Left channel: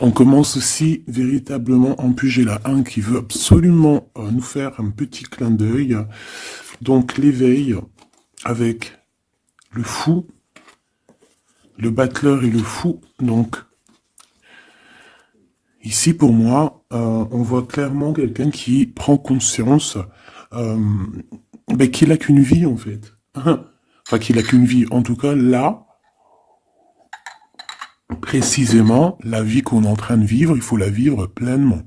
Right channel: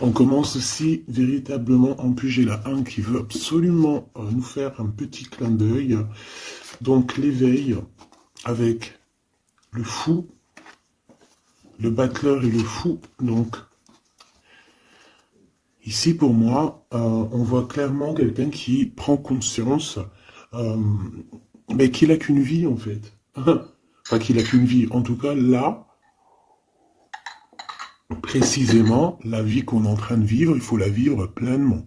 On commence aussi véritablement en Pugela 1 qui veut absolument nous faire un petit clin d'œil. Donc l'éveil avec le fou, le battleur et le fou. Donc ici pour moi, on voit clairement quelqu'un qui prend conscience mais qu'il n'a qu'une vie en fait. Enfin qu'il n'a qu'une vie. En tout cas là, précisément, la vie qu'on est en train de vivre, il faut la vivre pleinement.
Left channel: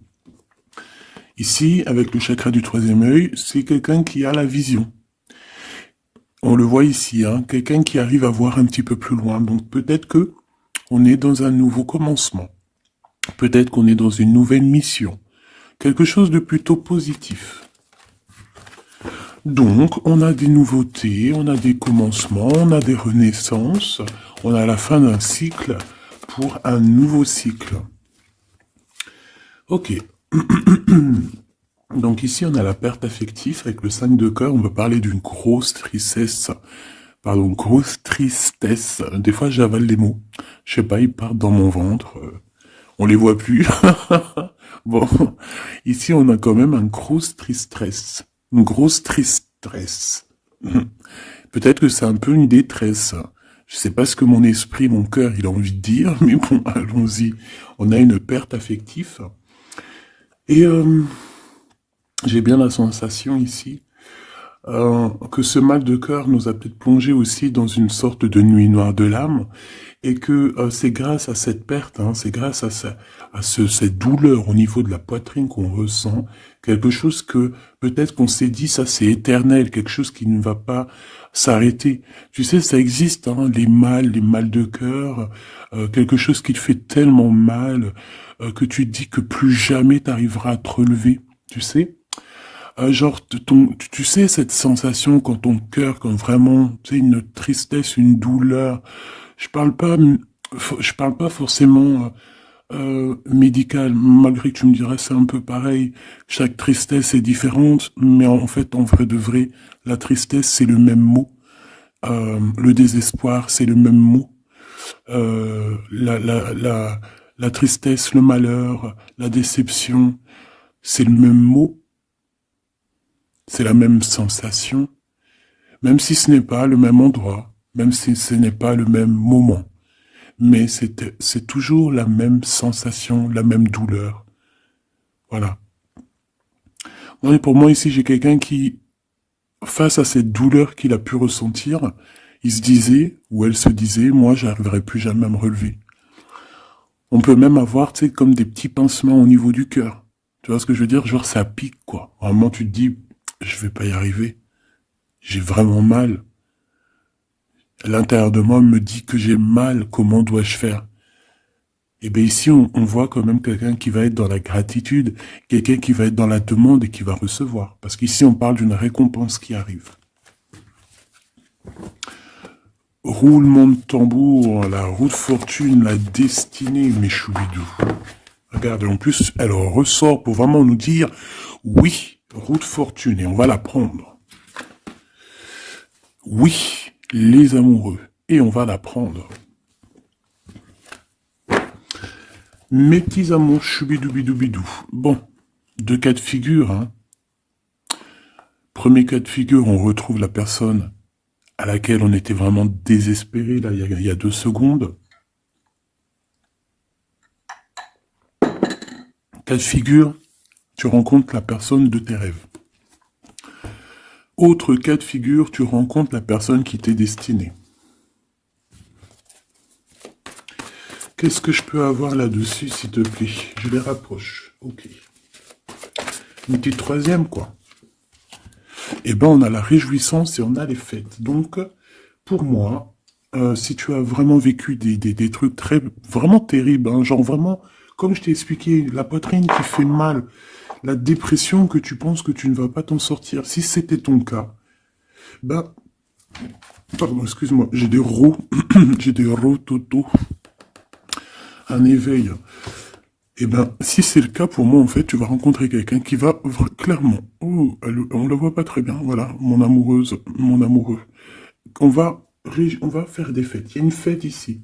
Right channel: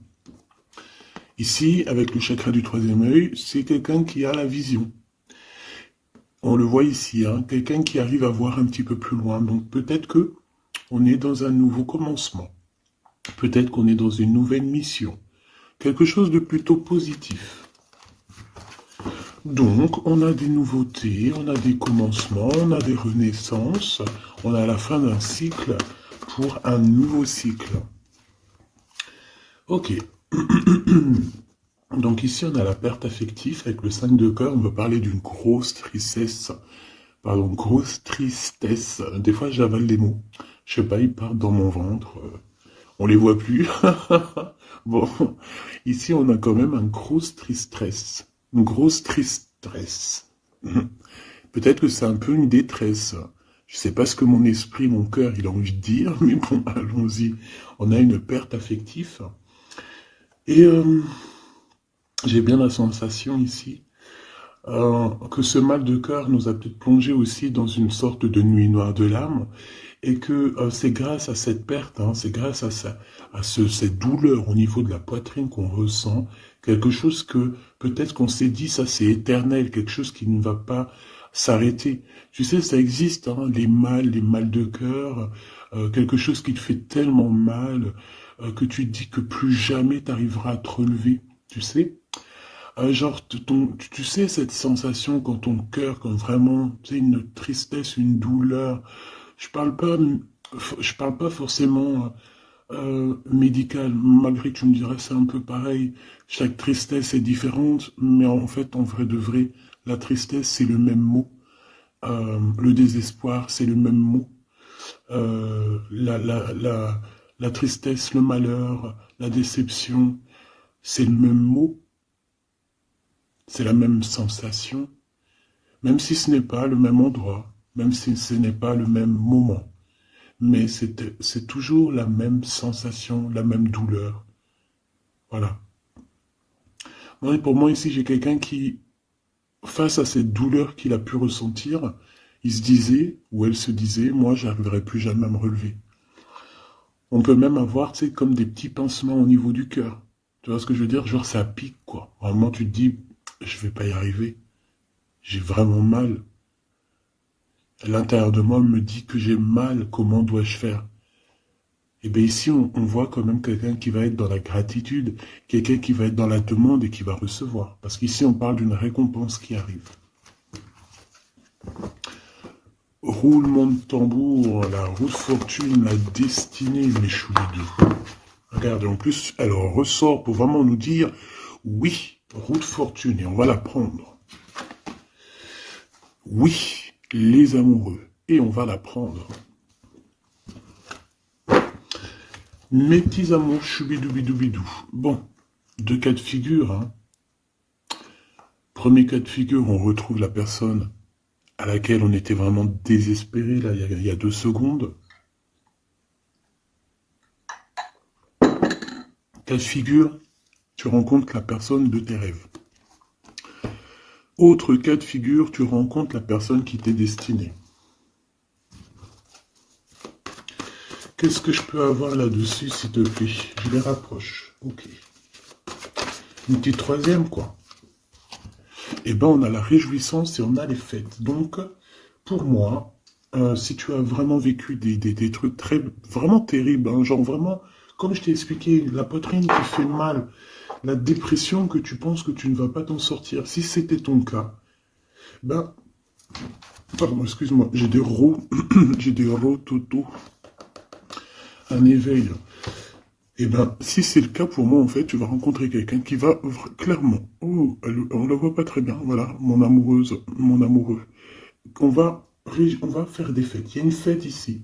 Ici, avec le chakra du troisième œil, c'est quelqu'un qui a la vision. On le voit ici, hein, quelqu'un qui arrive à voir un petit peu plus loin. Donc peut-être que on est dans un nouveau commencement. Peut-être qu'on est dans une nouvelle mission. Quelque chose de plutôt positif. Donc, on a des nouveautés, on a des commencements, on a des renaissances, on a la fin d'un cycle pour un nouveau cycle. Ok. Donc ici, on a la perte affective avec le 5 de cœur. On veut parler d'une grosse tristesse. Pardon, grosse tristesse. Des fois, j'avale les mots. Je sais pas, ils partent dans mon ventre. On les voit plus. Bon, ici, on a quand même un grosse tristesse. Une grosse tristesse. Peut-être que c'est un peu une détresse. Je sais pas ce que mon esprit, mon cœur, il a envie de dire, mais bon, allons-y. On a une perte affective. Et j'ai bien la sensation ici que ce mal de cœur nous a peut-être plongé aussi dans une sorte de nuit noire de l'âme, et que c'est grâce à cette perte, hein, c'est grâce à, cette douleur au niveau de la poitrine qu'on ressent, quelque chose que peut-être qu'on s'est dit, ça c'est éternel, quelque chose qui ne va pas s'arrêter. Tu sais, ça existe, hein, les mal de cœur, quelque chose qui te fait tellement mal que tu te dis que plus jamais t'arriveras à te relever, tu sais. Genre, tu sais, cette sensation quand ton cœur, comme vraiment, tu sais, une tristesse, une douleur. Je parle pas forcément médical, malgré que tu me dirais c'est un peu pareil. Chaque tristesse est différente, mais en fait, en vrai de vrai, la tristesse, c'est le même mot. Le désespoir, c'est le même mot. La tristesse, le malheur, la déception, c'est le même mot. C'est la même sensation, même si ce n'est pas le même endroit, même si ce n'est pas le même moment. Mais c'est toujours la même sensation, la même douleur. Voilà. Et pour moi, ici, j'ai quelqu'un qui, face à cette douleur qu'il a pu ressentir, il se disait, ou elle se disait, moi, j'arriverai plus jamais à me relever. On peut même avoir, tu sais, comme des petits pincements au niveau du cœur. Tu vois ce que je veux dire? Genre, ça pique, quoi. À un moment, tu te dis, je vais pas y arriver. J'ai vraiment mal. L'intérieur de moi me dit que j'ai mal, comment dois-je faire? Et bien ici, on voit quand même quelqu'un qui va être dans la gratitude, quelqu'un qui va être dans la demande et qui va recevoir. Parce qu'ici, on parle d'une récompense qui arrive. Roulement de tambour, la roue de fortune, la destinée, mes choubidous. Regardez, en plus, elle ressort pour vraiment nous dire, oui, roue de fortune, et on va la prendre. Oui, les amoureux, et on va la prendre. Mes petits amours, choubidoubidoubidou. Bon, deux cas de figure, hein. Premier cas de figure, on retrouve la personne à laquelle on était vraiment désespéré, là, il y a 2 secondes. Cas de figure, tu rencontres la personne de tes rêves. Autre cas de figure, tu rencontres la personne qui t'est destinée. Qu'est-ce que je peux avoir là-dessus, s'il te plaît? Je les rapproche. Ok. Une petite troisième, quoi. Eh ben, on a la réjouissance et on a les fêtes. Donc, pour moi, si tu as vraiment vécu des trucs vraiment terribles, hein, genre vraiment, comme je t'ai expliqué, la poitrine qui fait mal, la dépression que tu penses que tu ne vas pas t'en sortir, si c'était ton cas, ben, pardon, excuse-moi, j'ai des rots, j'ai des rototos, un éveil. Eh ben, si c'est le cas pour moi, en fait, tu vas rencontrer quelqu'un qui va clairement, oh, on la voit pas très bien, voilà, mon amoureuse, mon amoureux. On va faire des fêtes. Il y a une fête ici.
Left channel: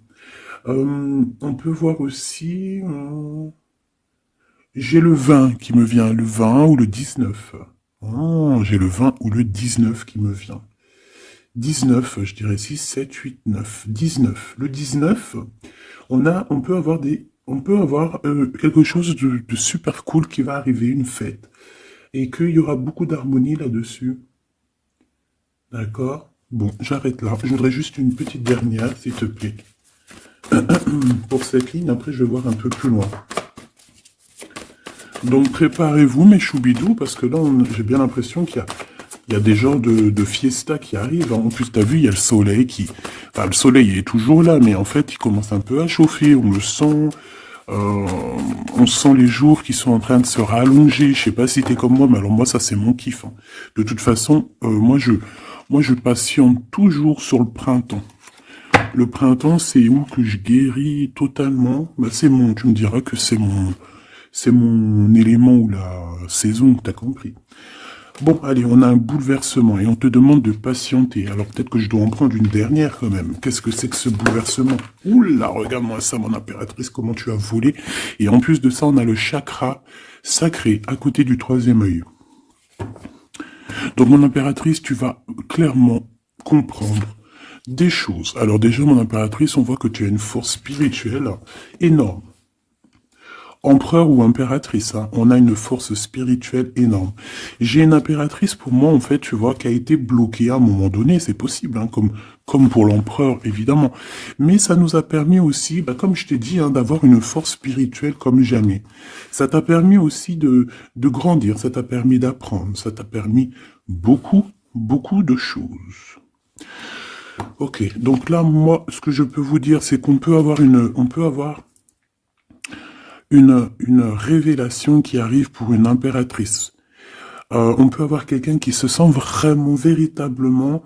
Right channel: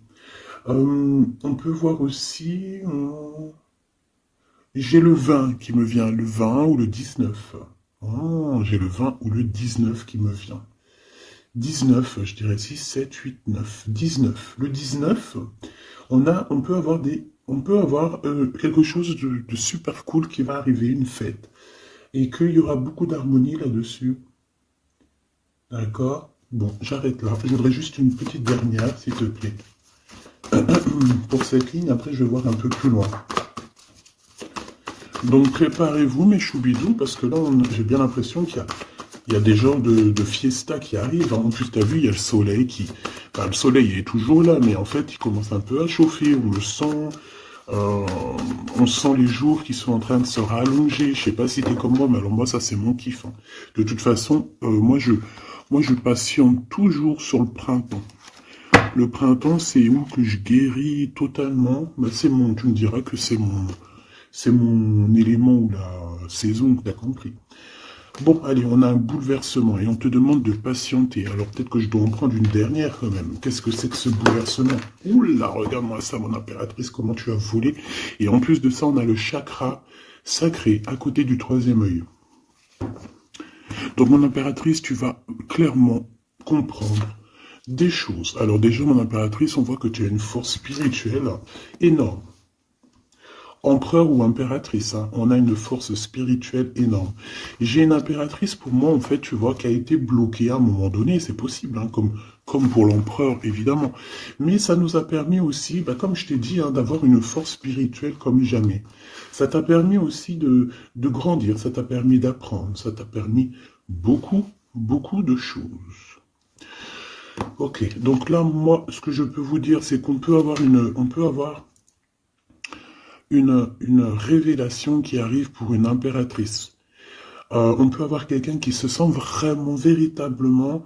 On peut voir aussi... j'ai le 20 qui me vient, le 20 ou le 19. Oh, j'ai le 20 ou le 19 qui me vient. 19, je dirais 6, 7, 8, 9. 19. Le 19, on peut avoir quelque chose de super cool qui va arriver, une fête. Et qu'il y aura beaucoup d'harmonie là-dessus. D'accord? Bon, j'arrête là. Je voudrais juste une petite dernière, s'il te plaît. Pour cette ligne, après, je vais voir un peu plus loin. Donc, préparez-vous, mes choubidous, parce que là, j'ai bien l'impression qu'il y a des genres de fiesta qui arrivent. En plus, t'as vu, il y a le soleil qui... Enfin, le soleil est toujours là, mais en fait, il commence un peu à chauffer. On le sent. Euh, on sent les jours qui sont en train de se rallonger. Je sais pas si t'es comme moi, mais alors moi, ça, c'est mon kiff. Hein. De toute façon, moi, je patiente toujours sur le printemps. Le printemps, c'est où que je guéris totalement. Bah, tu me diras que c'est mon élément ou la saison, t'as compris. Bon, allez, on a un bouleversement et on te demande de patienter. Alors peut-être que je dois en prendre une dernière quand même. Qu'est-ce que c'est que ce bouleversement? Oula, regarde-moi ça, mon impératrice, comment tu as volé. Et en plus de ça, on a le chakra sacré à côté du troisième œil. Donc, mon impératrice, tu vas clairement comprendre des choses. Alors déjà, mon impératrice, on voit que tu as une force spirituelle énorme. Empereur ou impératrice, hein, on a une force spirituelle énorme. J'ai une impératrice, pour moi, en fait, tu vois, qui a été bloquée à un moment donné, c'est possible, hein, comme pour l'empereur, évidemment. Mais ça nous a permis aussi, bah, comme je t'ai dit, hein, d'avoir une force spirituelle comme jamais. Ça t'a permis aussi de grandir, ça t'a permis d'apprendre, ça t'a permis beaucoup, beaucoup de choses. Ok, donc là, moi, ce que je peux vous dire, c'est qu'on peut avoir une révélation qui arrive pour une impératrice. On peut avoir quelqu'un qui se sent vraiment, véritablement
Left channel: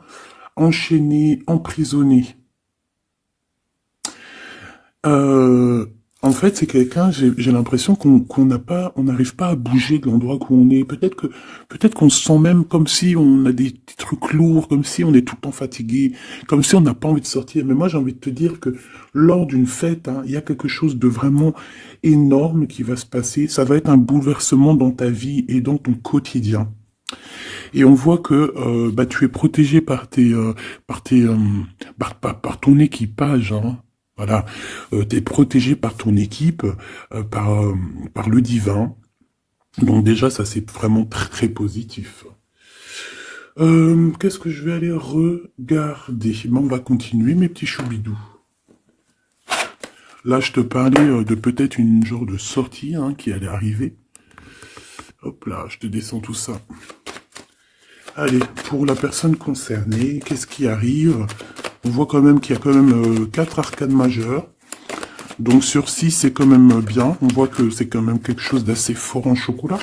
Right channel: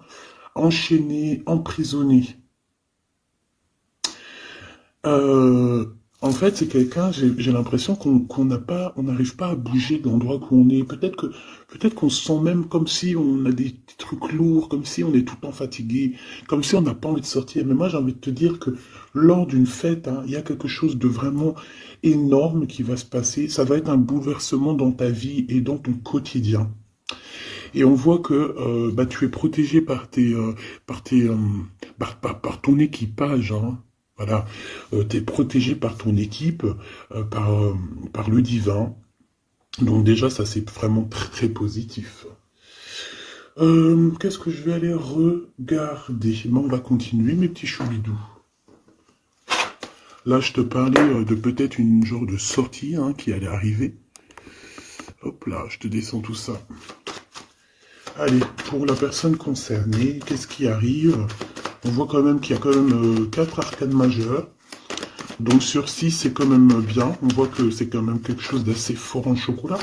enchaîné, emprisonné. Euh, En fait, c'est quelqu'un, j'ai l'impression qu'on n'a pas, on n'arrive pas à bouger de l'endroit où on est. Peut-être qu'on se sent même comme si on a des trucs lourds, comme si on est tout le temps fatigué, comme si on n'a pas envie de sortir. Mais moi, j'ai envie de te dire que lors d'une fête, hein, il y a quelque chose de vraiment énorme qui va se passer. Ça va être un bouleversement dans ta vie et dans ton quotidien. Et on voit que bah, tu es protégé par ton équipage. Hein. Voilà, tu es protégé par ton équipe, par le divin. Donc déjà, ça c'est vraiment très positif. Qu'est-ce que je vais aller regarder? Bon, on va continuer, mes petits choubidous. Là, je te parlais de peut-être une genre de sortie hein, qui allait arriver. Hop là, je te descends tout ça. Allez, pour la personne concernée, qu'est-ce qui arrive? On voit quand même qu'il y a quand même 4 arcades majeures. Donc sur 6, c'est quand même bien. On voit que c'est quand même quelque chose d'assez fort en chocolat.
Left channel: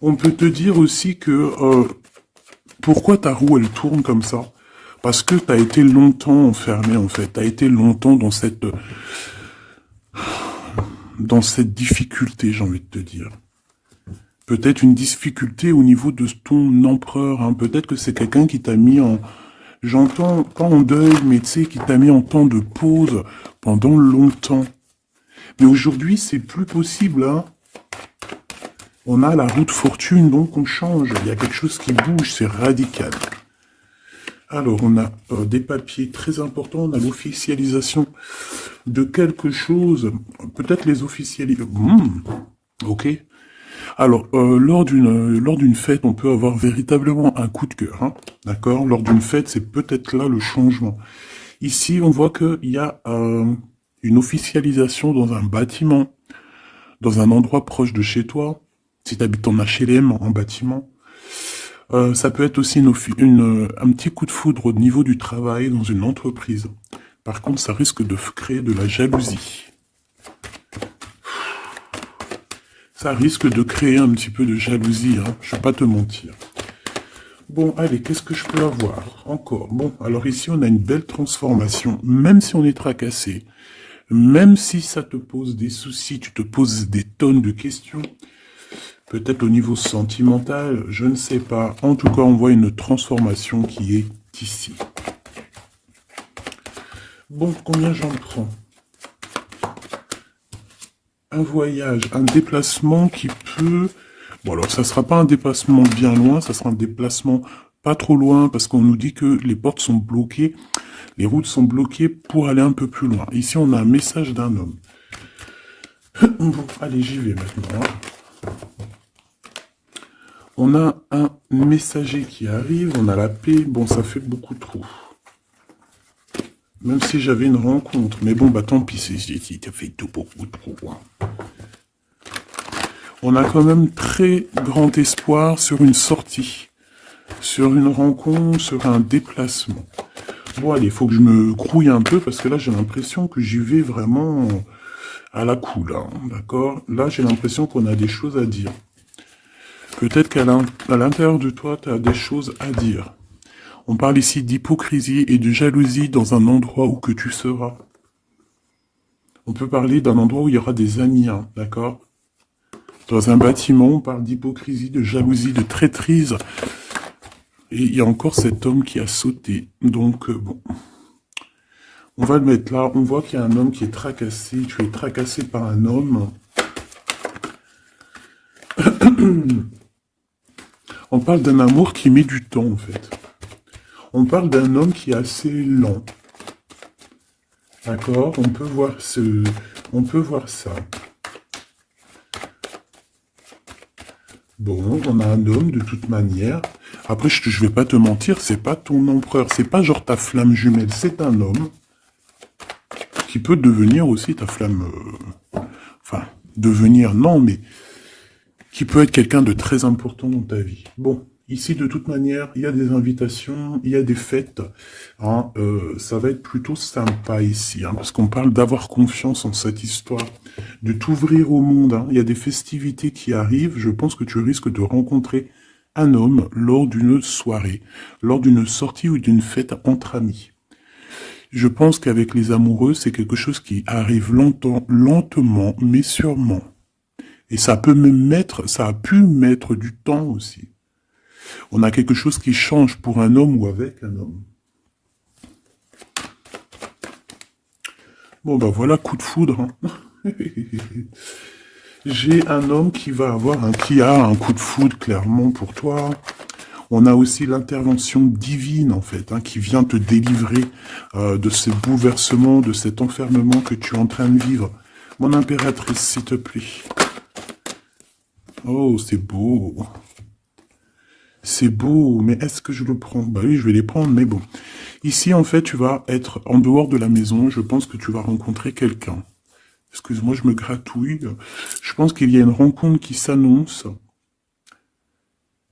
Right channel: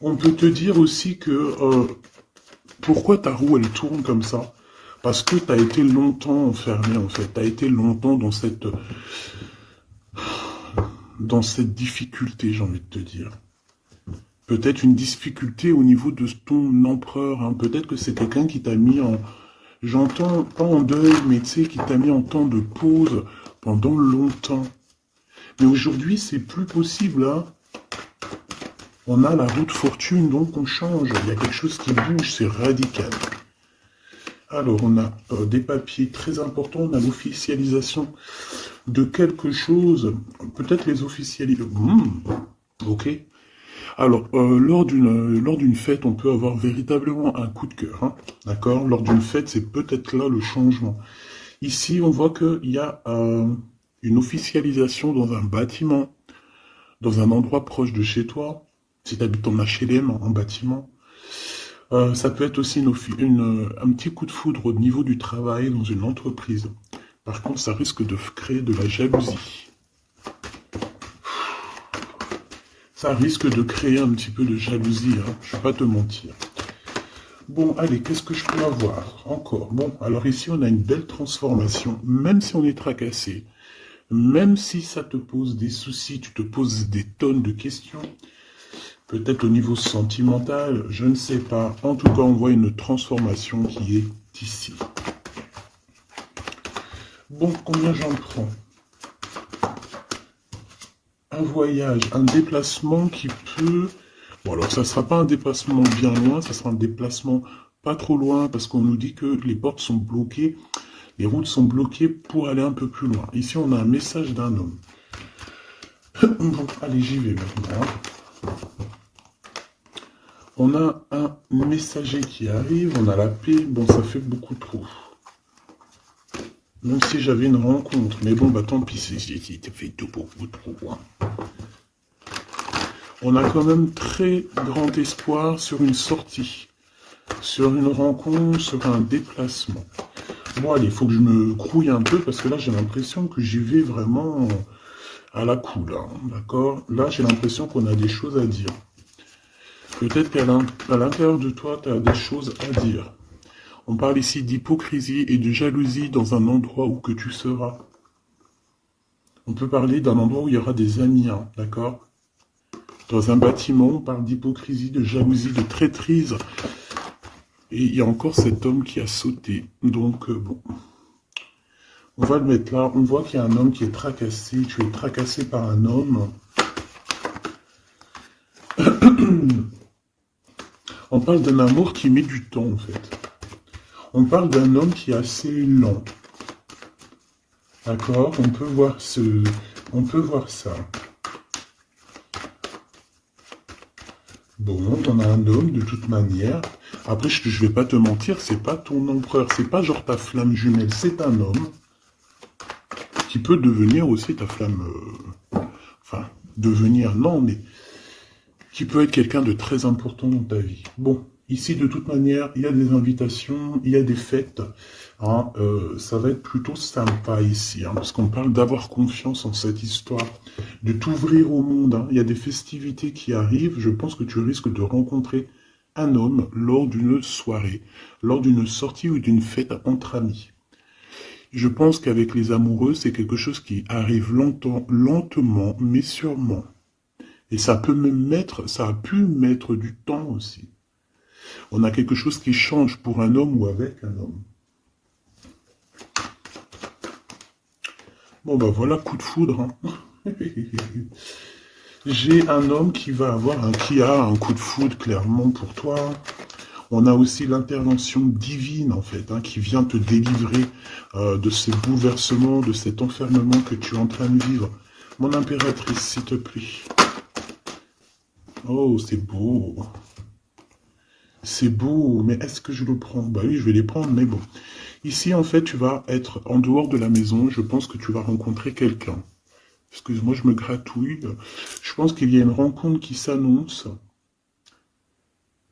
On peut te dire aussi que pourquoi ta roue elle tourne comme ça? Parce que tu as été longtemps enfermé en fait. Tu as été longtemps dans cette difficulté, j'ai envie de te dire. Peut-être une difficulté au niveau de ton empereur. Hein. Peut-être que c'est quelqu'un qui t'a mis en... J'entends pas en deuil, mais tu sais, qui t'a mis en temps de pause pendant longtemps. Mais aujourd'hui, c'est plus possible. Hein. On a la route fortune, donc on change. Il y a quelque chose qui bouge, c'est radical. Alors, on a des papiers très importants. On a l'officialisation de quelque chose. Peut-être les officialisations. Ok. Alors, lors d'une fête, on peut avoir véritablement un coup de cœur, hein, d'accord? Lors d'une fête, c'est peut-être là le changement. Ici, on voit qu'il y a une officialisation dans un bâtiment, dans un endroit proche de chez toi, si tu habites en HLM, en bâtiment. Ça peut être aussi un petit coup de foudre au niveau du travail dans une entreprise. Par contre, ça risque de créer de la jalousie. Ça risque de créer un petit peu de jalousie, hein, je ne vais pas te mentir. Bon, allez, qu'est-ce que je peux avoir encore? Bon, alors ici, on a une belle transformation, même si on est tracassé, même si ça te pose des soucis, tu te poses des tonnes de questions, peut-être au niveau sentimental, je ne sais pas. En tout cas, on voit une transformation qui est ici. Bon, combien j'en prends? Un voyage, un déplacement qui peut... Bon, alors ça sera pas un déplacement bien loin, ça sera un déplacement pas trop loin, parce qu'on nous dit que les portes sont bloquées, les routes sont bloquées pour aller un peu plus loin. Ici, on a un message d'un homme. Bon, allez, j'y vais maintenant. On a un messager qui arrive, on a la paix. Bon, ça fait beaucoup trop. Même si j'avais une rencontre. Mais bon, bah tant pis, ça fait tout beaucoup trop. Hein. On a quand même très grand espoir sur une sortie. Sur une rencontre, sur un déplacement. Bon, allez, il faut que je me grouille un peu, parce que là, j'ai l'impression que j'y vais vraiment à la cool, hein, d'accord? Là, j'ai l'impression qu'on a des choses à dire. Peut-être qu'à l'intérieur de toi, tu as des choses à dire. On parle ici d'hypocrisie et de jalousie dans un endroit où que tu seras. On peut parler d'un endroit où il y aura des amis, hein, d'accord? Dans un bâtiment, on parle d'hypocrisie, de jalousie, de traîtrise. Et il y a encore cet homme qui a sauté. Donc, bon. On va le mettre là. On voit qu'il y a un homme qui est tracassé. Tu es tracassé par un homme. On parle d'un amour qui met du temps, en fait. On parle d'un homme qui est assez lent. D'accord? On peut voir ça. Bon, on a un homme de toute manière. Après, je vais pas te mentir, c'est pas ton empereur. C'est pas genre ta flamme jumelle. C'est un homme qui peut devenir aussi ta flamme... Enfin, devenir, non, mais... qui peut être quelqu'un de très important dans ta vie. Bon, ici, de toute manière, il y a des invitations, il y a des fêtes. Hein, ça va être plutôt sympa ici, hein, parce qu'on parle d'avoir confiance en cette histoire, de t'ouvrir au monde. Hein. Il y a des festivités qui arrivent. Je pense que tu risques de rencontrer un homme lors d'une soirée, lors d'une sortie ou d'une fête entre amis. Je pense qu'avec les amoureux, c'est quelque chose qui arrive lentement, mais sûrement. Et ça peut ça a pu mettre du temps aussi. On a quelque chose qui change pour un homme ou avec un homme. Bon ben voilà, coup de foudre. Hein. J'ai un homme qui a un coup de foudre clairement pour toi. On a aussi l'intervention divine en fait, hein, qui vient te délivrer de ces bouleversements, de cet enfermement que tu es en train de vivre. Mon impératrice, s'il te plaît. Oh, c'est beau. C'est beau, mais est-ce que je le prends? Bah oui, je vais les prendre, mais bon. Ici, en fait, tu vas être en dehors de la maison. Je pense que tu vas rencontrer quelqu'un. Excuse-moi, je me gratouille. Je pense qu'il y a une rencontre qui s'annonce,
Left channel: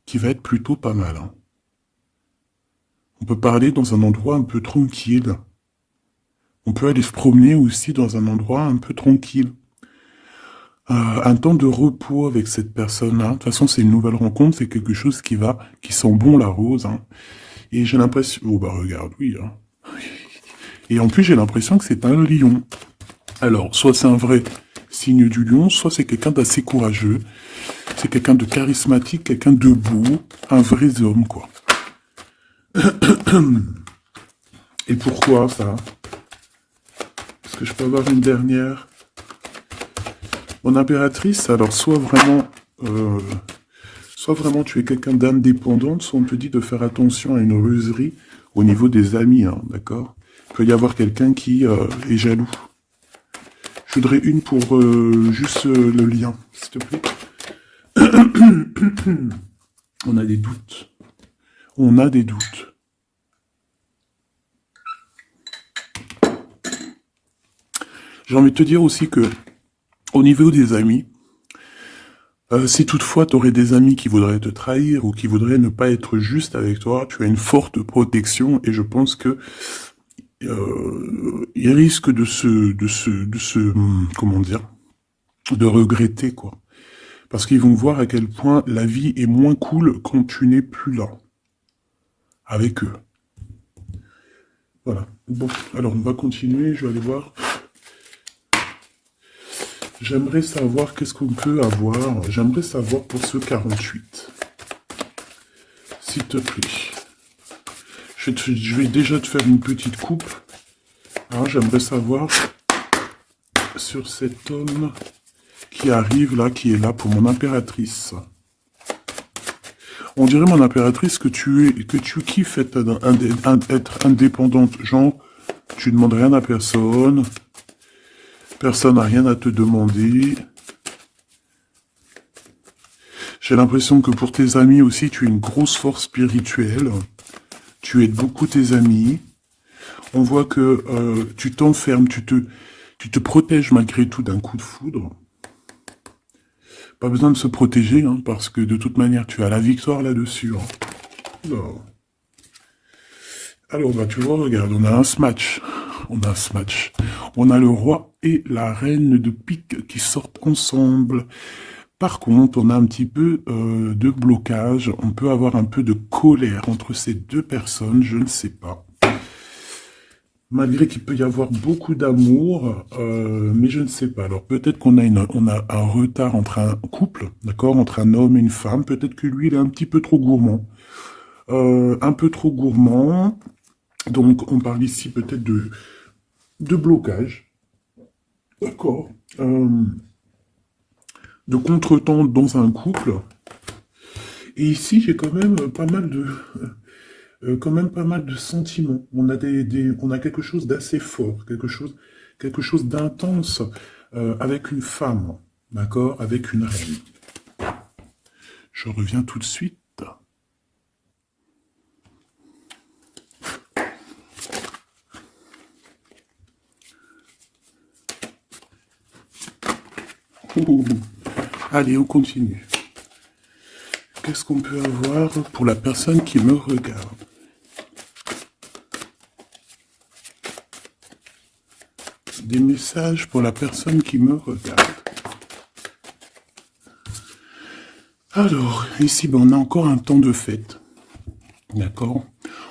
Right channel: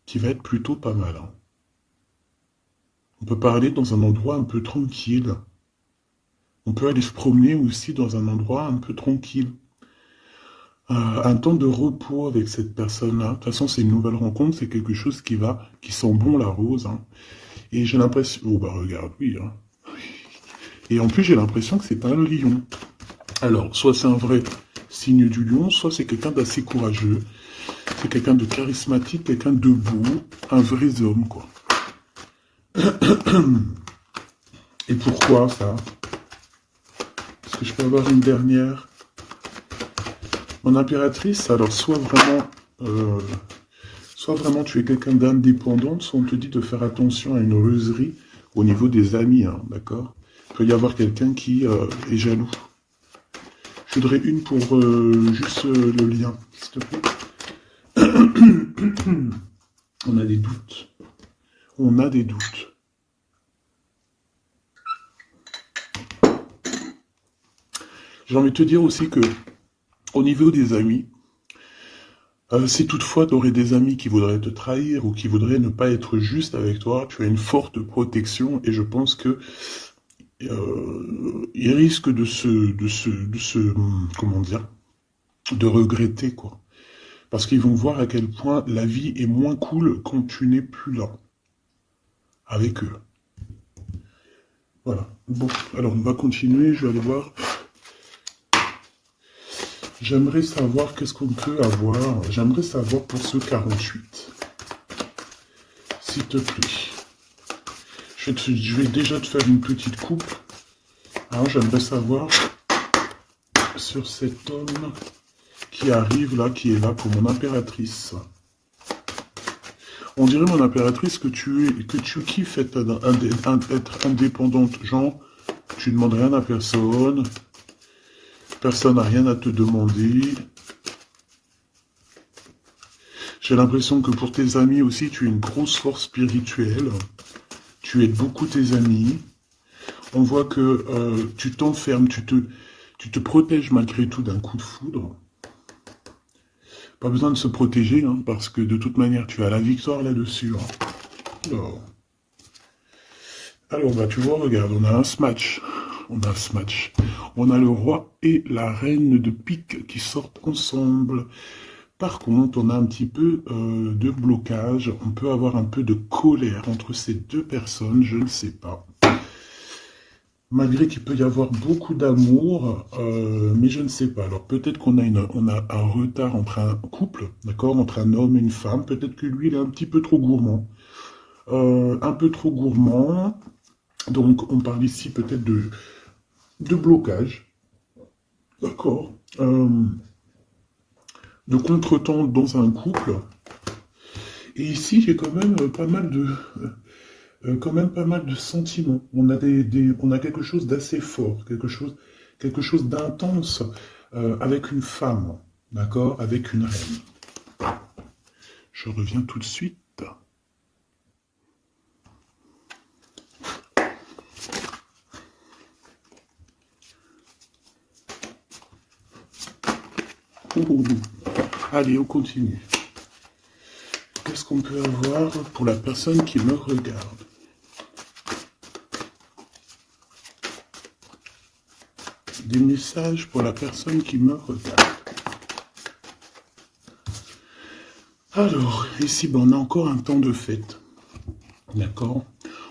qui va être plutôt pas mal. Hein. On peut parler dans un endroit un peu tranquille. On peut aller se promener aussi dans un endroit un peu tranquille. Un temps de repos avec cette personne-là. De toute façon, c'est une nouvelle rencontre, c'est quelque chose qui sent bon la rose. Hein. Et j'ai l'impression... Oh bah regarde, oui. Hein. Et en plus, j'ai l'impression que c'est un lion. Alors, soit c'est un vrai signe du lion, soit c'est quelqu'un d'assez courageux. C'est quelqu'un de charismatique, quelqu'un de beau, un vrai homme, quoi. Et pourquoi ça? Est-ce que je peux avoir une dernière? Mon impératrice, alors soit vraiment tu es quelqu'un d'indépendant, soit on te dit de faire attention à une ruserie au niveau des amis, hein, d'accord? Il peut y avoir quelqu'un qui est jaloux. Je voudrais une pour juste le lien, s'il te plaît. On a des doutes. On a des doutes. J'ai envie de te dire aussi que, au niveau des amis, si toutefois tu aurais des amis qui voudraient te trahir ou qui voudraient ne pas être juste avec toi, tu as une forte protection et je pense que ils risquent comment dire, de regretter quoi. Parce qu'ils vont voir à quel point la vie est moins cool quand tu n'es plus là avec eux. Voilà. Bon, alors on va continuer, je vais aller voir. J'aimerais savoir qu'est-ce qu'on peut avoir. J'aimerais savoir pour ce 48. S'il te plaît. Je vais déjà te faire une petite coupe. Alors, j'aimerais savoir sur cet homme qui arrive là, qui est là pour mon impératrice. On dirait, mon impératrice, que tu kiffes être indépendante. Genre, tu ne demandes rien à personne. Personne n'a rien à te demander. J'ai l'impression que pour tes amis aussi, tu es une grosse force spirituelle. Tu aides beaucoup tes amis. On voit que tu t'enfermes, tu te protèges malgré tout d'un coup de foudre. Pas besoin de se protéger, hein, parce que de toute manière, tu as la victoire là-dessus. Hein. Alors, bah, tu vois, regarde, on a un match. On a ce match. On a le roi et la reine de pique qui sortent ensemble. Par contre, on a un petit peu de blocage. On peut avoir un peu de colère entre ces deux personnes, je ne sais pas. Malgré qu'il peut y avoir beaucoup d'amour, mais je ne sais pas. Alors peut-être qu'on a, un retard entre un couple, d'accord, entre un homme et une femme. Peut-être que lui, il est un petit peu trop gourmand. Un peu trop gourmand. Donc on parle ici peut-être de blocage. D'accord. De contretemps dans un couple. Et ici, j'ai quand même pas mal de sentiments. On a quelque chose d'assez fort, quelque chose d'intense avec une femme, d'accord, avec une reine. Je reviens tout de suite. Oh. Allez, on continue. Qu'est-ce qu'on peut avoir pour la personne qui me regarde? Des messages pour la personne qui me regarde. Alors, ici, ben, on a encore un temps de fête. D'accord?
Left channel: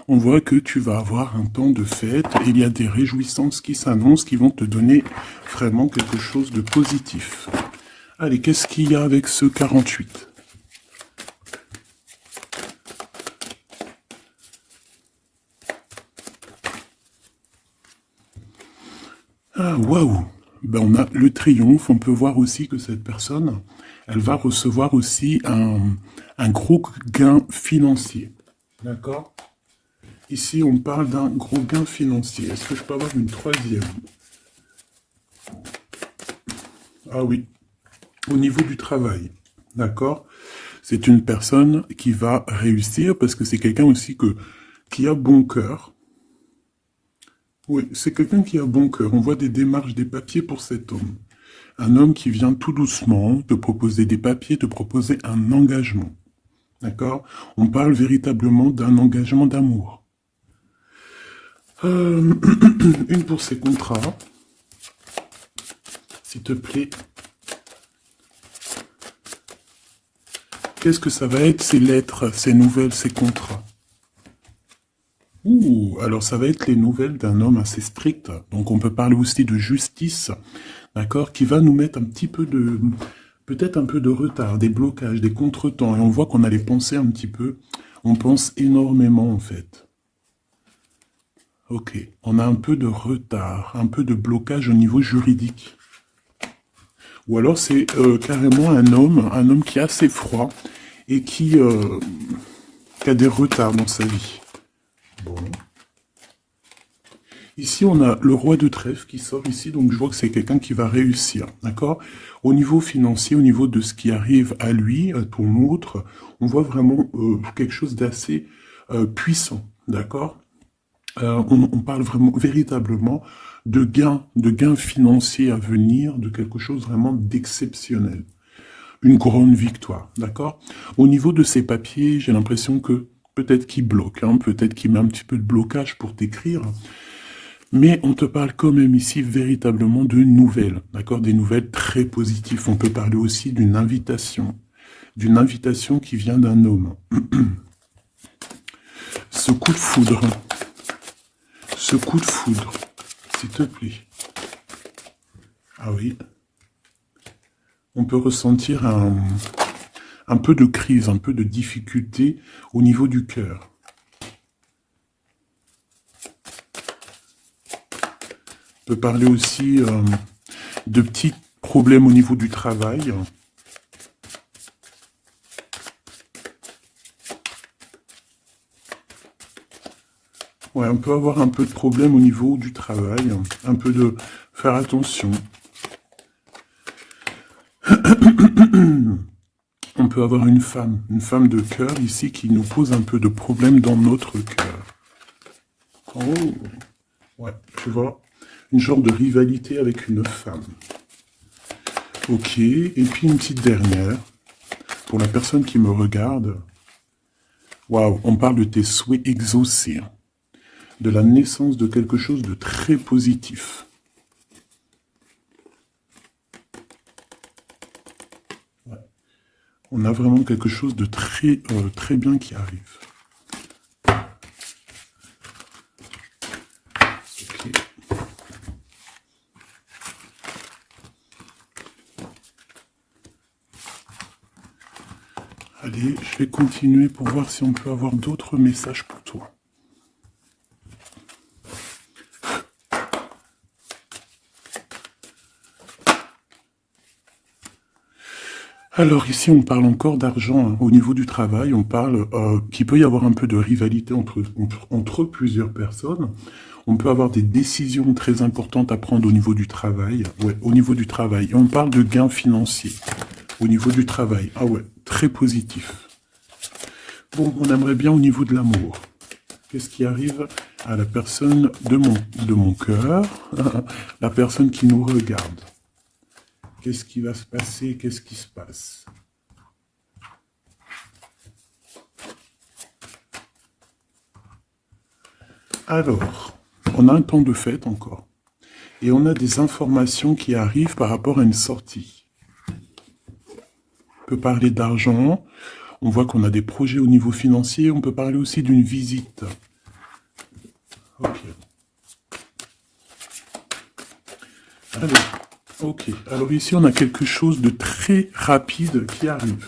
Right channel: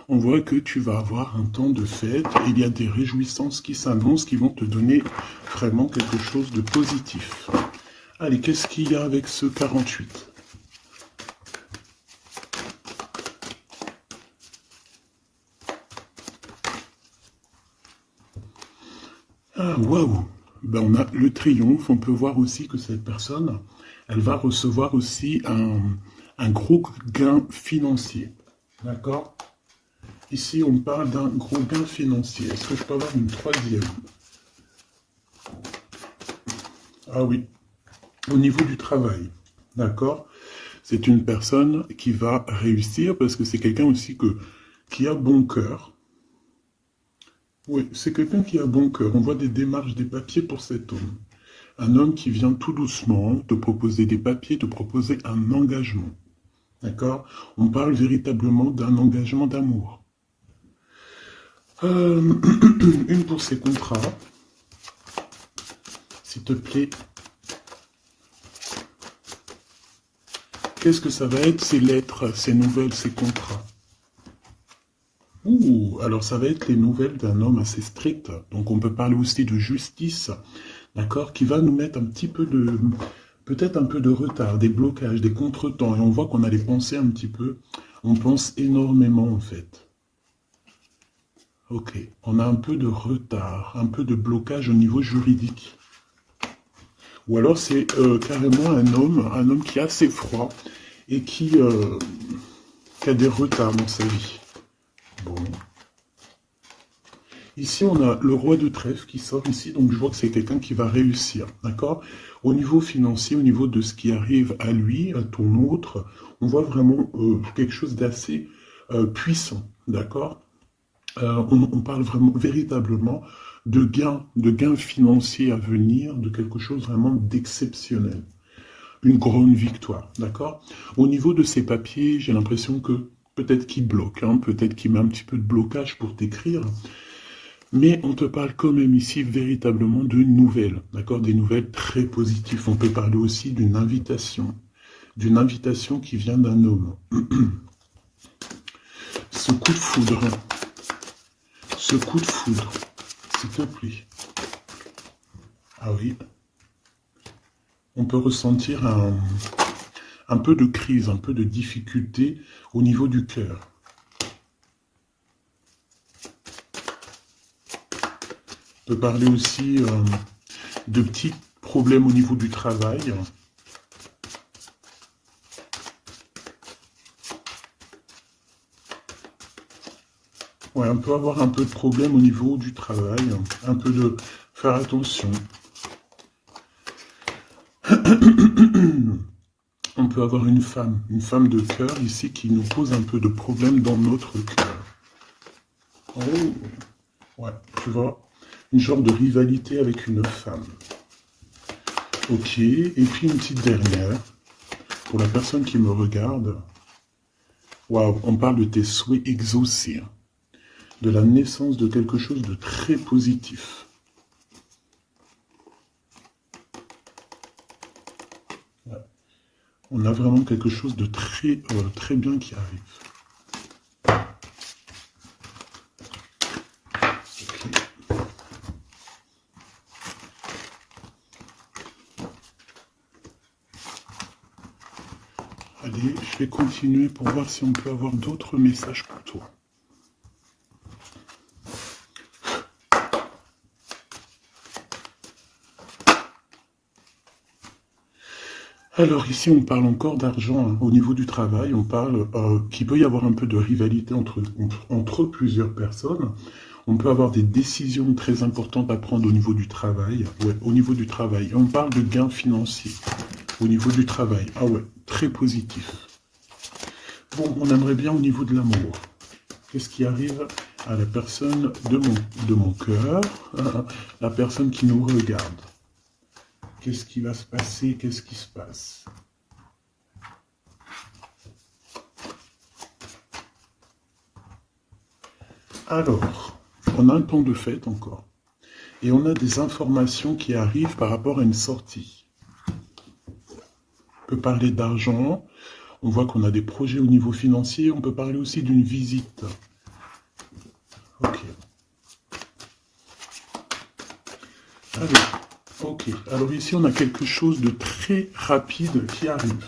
On voit que tu vas avoir un temps de fête et il y a des réjouissances qui s'annoncent qui vont te donner vraiment quelque chose de positif. Allez, qu'est-ce qu'il y a avec ce 48? Ah, waouh! Ben, on a le triomphe. On peut voir aussi que cette personne, elle va recevoir aussi un gros gain financier. D'accord? Ici, on parle d'un gros gain financier. Est-ce que je peux avoir une troisième? Ah oui, au niveau du travail. D'accord? C'est une personne qui va réussir parce que c'est quelqu'un aussi qui a bon cœur. Oui, c'est quelqu'un qui a bon cœur. On voit des démarches, des papiers pour cet homme. Un homme qui vient tout doucement te proposer des papiers, te proposer un engagement. D'accord? On parle véritablement d'un engagement d'amour. Une pour ses contrats. S'il te plaît. Qu'est-ce que ça va être, ces lettres, ces nouvelles, ces contrats? Ouh, alors ça va être les nouvelles d'un homme assez strict. Donc on peut parler aussi de justice, d'accord, qui va nous mettre un petit peu de, peut-être un peu de retard, des blocages, des contretemps. Et on voit qu'on a les pensées un petit peu. On pense énormément en fait. Ok, on a un peu de retard, un peu de blocage au niveau juridique. Ou alors c'est carrément un homme qui est assez froid et qui a des retards dans sa vie. Bon. Ici, on a le roi de trèfle qui sort ici, donc je vois que c'est quelqu'un qui va réussir, d'accord? Au niveau financier, au niveau de ce qui arrive à lui, à ton autre, on voit vraiment quelque chose d'assez puissant, d'accord? On parle vraiment, véritablement, de gains financiers à venir, de quelque chose vraiment d'exceptionnel. Une grande victoire, d'accord? Au niveau de ces papiers, j'ai l'impression que peut-être qu'il bloque, hein, peut-être qu'il met un petit peu de blocage pour t'écrire, mais on te parle quand même ici véritablement de nouvelles, d'accord? Des nouvelles très positives. On peut parler aussi d'une invitation qui vient d'un homme. Ce coup de foudre, s'il te plaît. Ah oui. On peut ressentir un peu de crise, un peu de difficulté au niveau du cœur. On peut parler aussi de petits problèmes au niveau du travail. Ouais, on peut avoir un peu de problème au niveau du travail, un peu de faire attention. On peut avoir une femme de cœur ici qui nous pose un peu de problème dans notre cœur. Oh, ouais, tu vois, une genre de rivalité avec une femme. Ok, et puis une petite dernière, pour la personne qui me regarde. Waouh, on parle de tes souhaits exaucés, hein, de la naissance de quelque chose de très positif. Ouais. On a vraiment quelque chose de très, très bien qui arrive. Allez, je vais continuer pour voir si on peut avoir d'autres messages pour toi. Alors ici, on parle encore d'argent, hein. Au niveau du travail, on parle qu'il peut y avoir un peu de rivalité entre plusieurs personnes. On peut avoir des décisions très importantes à prendre au niveau du travail. Ouais, au niveau du travail. Et on parle de gains financiers au niveau du travail. Ah ouais, très positif. Bon, on aimerait bien au niveau de l'amour. Qu'est-ce qui arrive à la personne de mon cœur, la personne qui nous regarde? Qu'est-ce qui va se passer? Qu'est-ce qui se passe? Alors, on a un temps de fête encore. Et on a des informations qui arrivent par rapport à une sortie. On peut parler d'argent. On voit qu'on a des projets au niveau financier. On peut parler aussi d'une visite. Ok. Ok. Alors ici, on a quelque chose de très rapide qui arrive.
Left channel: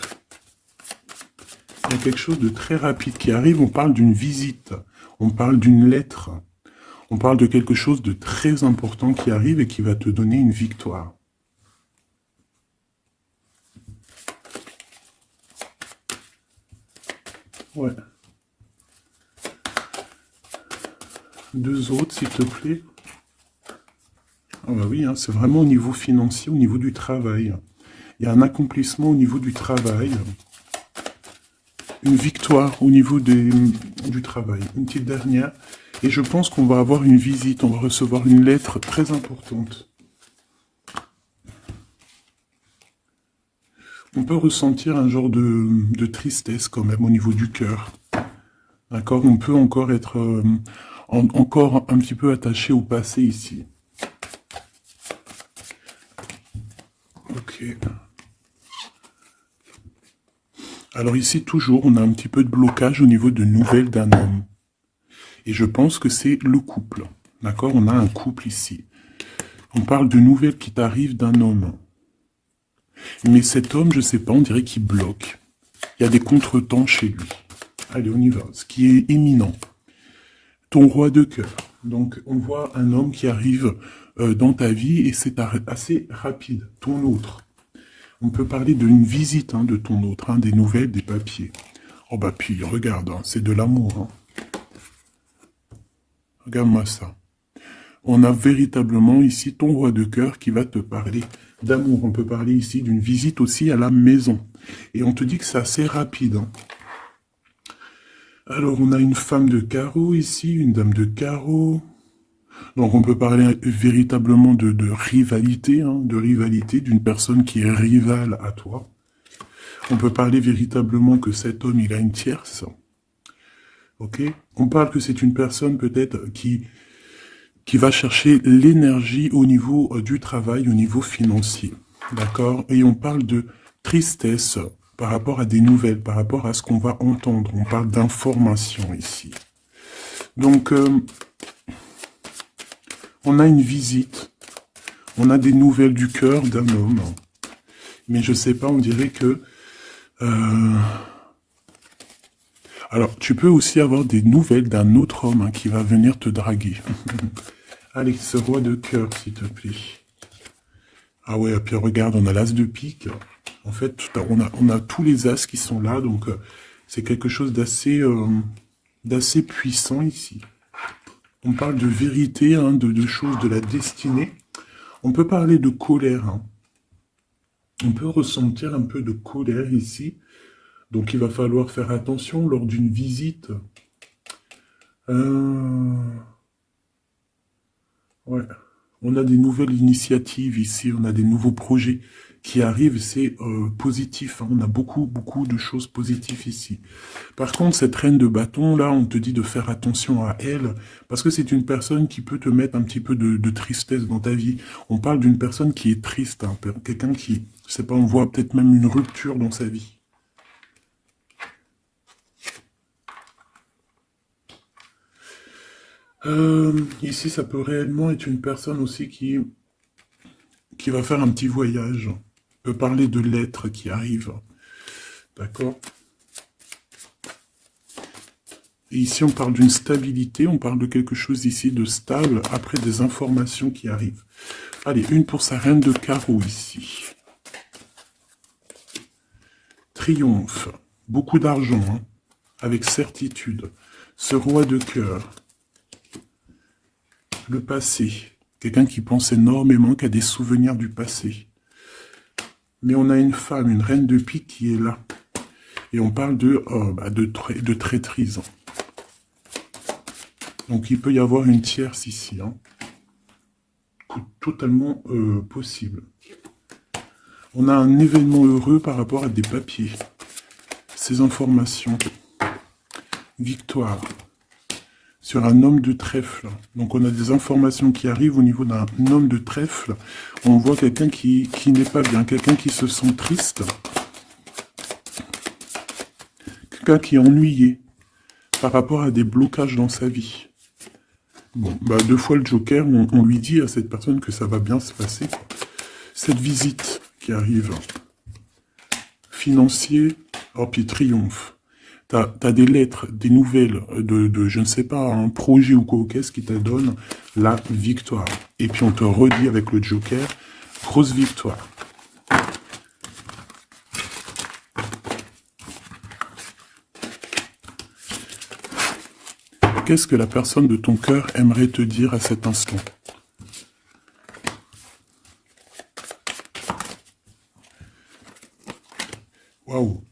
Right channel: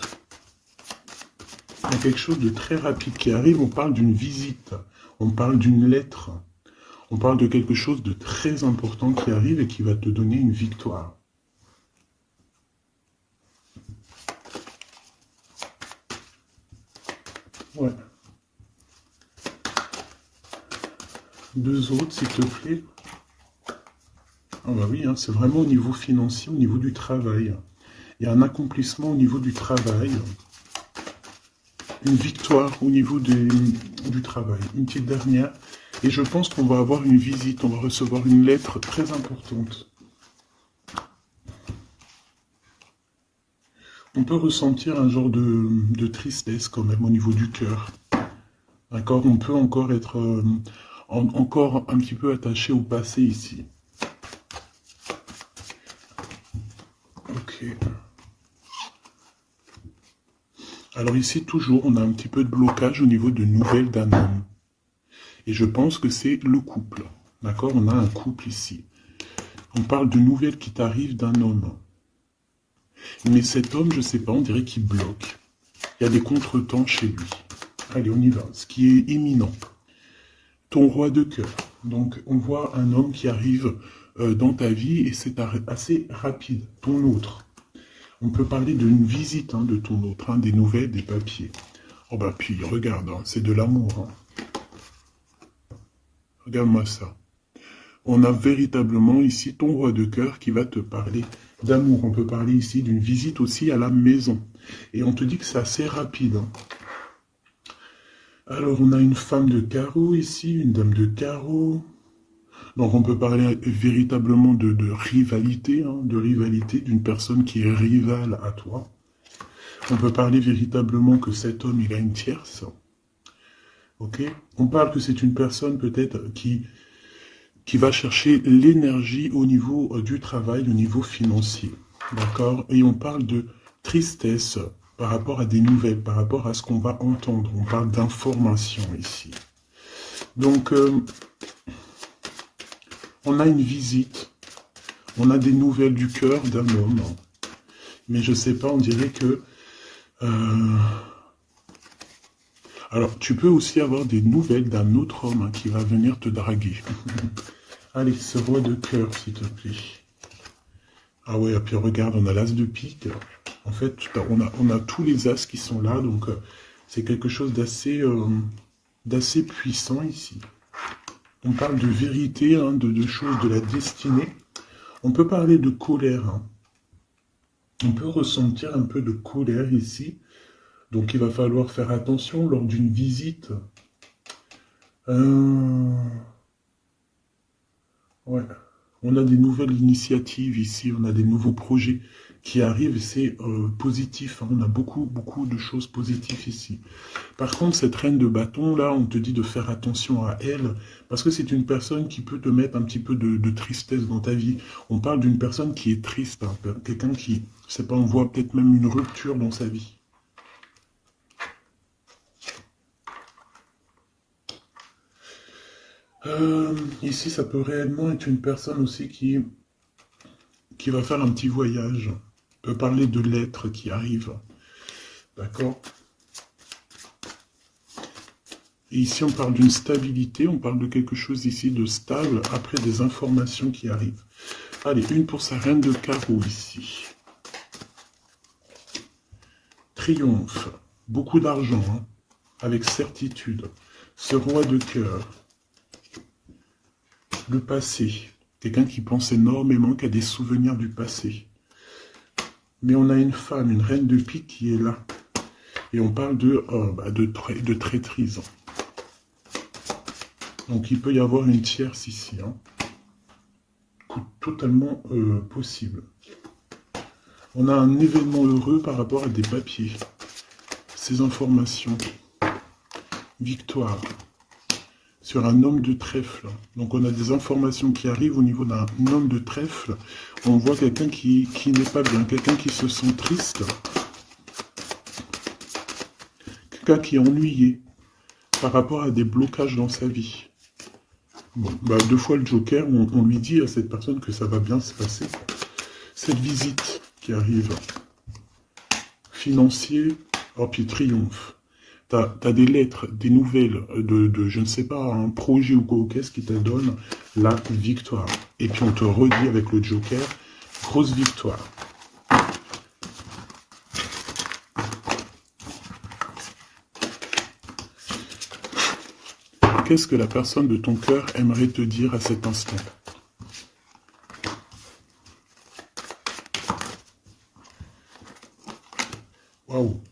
Il y a quelque chose de très rapide qui arrive. On parle d'une visite. On parle d'une lettre. On parle de quelque chose de très important qui arrive et qui va te donner une victoire. Ouais. Deux autres, s'il te plaît. Ah bah oui, hein, c'est vraiment au niveau financier, au niveau du travail. Il y a un accomplissement au niveau du travail. Une victoire au niveau du travail. Une petite dernière. Et je pense qu'on va avoir une visite. On va recevoir une lettre très importante. On peut ressentir un genre de tristesse quand même au niveau du cœur. D'accord? On peut encore être encore un petit peu attaché au passé ici. Ok. Alors ici, toujours, on a un petit peu de blocage au niveau de nouvelles d'un homme. Et je pense que c'est le couple. D'accord? On a un couple ici. On parle de nouvelles qui t'arrivent d'un homme. Mais cet homme, je sais pas, on dirait qu'il bloque. Il y a des contretemps chez lui. Allez, on y va. Ce qui est éminent. Ton roi de cœur. Donc, on voit un homme qui arrive dans ta vie et c'est assez rapide. Ton autre. On peut parler d'une visite de ton autre, des nouvelles, des papiers. Oh bah puis, regarde, c'est de l'amour. Regarde-moi ça. On a véritablement ici ton roi de cœur qui va te parler d'amour. On peut parler ici d'une visite aussi à la maison. Et on te dit que c'est assez rapide. Alors, on a une femme de carreau ici, une dame de carreau. Donc, on peut parler véritablement de rivalité, de rivalité d'une personne qui est rivale à toi. On peut parler véritablement que cet homme, il a une tierce. Ok? On parle que c'est une personne peut-être qui va chercher l'énergie au niveau du travail, au niveau financier. D'accord? Et on parle de tristesse par rapport à des nouvelles, par rapport à ce qu'on va entendre. On parle d'information ici. Donc, on a une visite. On a des nouvelles du cœur d'un homme. Mais je sais pas, on dirait que... Alors, tu peux aussi avoir des nouvelles d'un autre homme qui va venir te draguer. Allez, ce roi de cœur, s'il te plaît. Ah ouais, et puis regarde, on a l'as de pique. En fait, on a tous les as qui sont là, donc c'est quelque chose d'assez puissant ici. On parle de vérité, hein, de choses, de la destinée. On peut parler de colère. Hein. On peut ressentir un peu de colère ici. Donc il va falloir faire attention lors d'une visite. Ouais. On a des nouvelles initiatives ici, on a des nouveaux projets qui arrivent, c'est positif. Hein. On a beaucoup de choses positives ici. Par contre, cette reine de bâton, là, on te dit de faire attention à elle, parce que c'est une personne qui peut te mettre un petit peu de tristesse dans ta vie. On parle d'une personne qui est triste, hein, quelqu'un qui, je sais pas, on voit peut-être même une rupture dans sa vie. Ici, ça peut réellement être une personne aussi qui va faire un petit voyage. On peut parler de lettres qui arrivent. D'accord? Et ici, on parle d'une stabilité, on parle de quelque chose ici de stable, après des informations qui arrivent. Allez, une pour sa reine de carreau ici. Triomphe, beaucoup d'argent, hein, avec certitude. Ce roi de cœur. Le passé. Quelqu'un qui pense énormément, qui a des souvenirs du passé. Mais on a une femme, une reine de pique qui est là. Et on parle de traîtrise. Donc il peut y avoir une tierce ici. Hein. Totalement possible. On a un événement heureux par rapport à des papiers. Ces informations. Victoire. Sur un homme de trèfle. Donc on a des informations qui arrivent au niveau d'un homme de trèfle. On voit quelqu'un qui n'est pas bien, quelqu'un qui se sent triste. Quelqu'un qui est ennuyé par rapport à des blocages dans sa vie. Bon, bah, deux fois le Joker, on lui dit à cette personne que ça va bien se passer. Cette visite qui arrive. Financier, oh puis triomphe. T'as des lettres, des nouvelles de, je ne sais pas, un projet ou quoi, qu'est-ce qui te donne la victoire. Et puis on te redit avec le Joker, grosse victoire. Qu'est-ce que la personne de ton cœur aimerait te dire à cet instant? Waouh!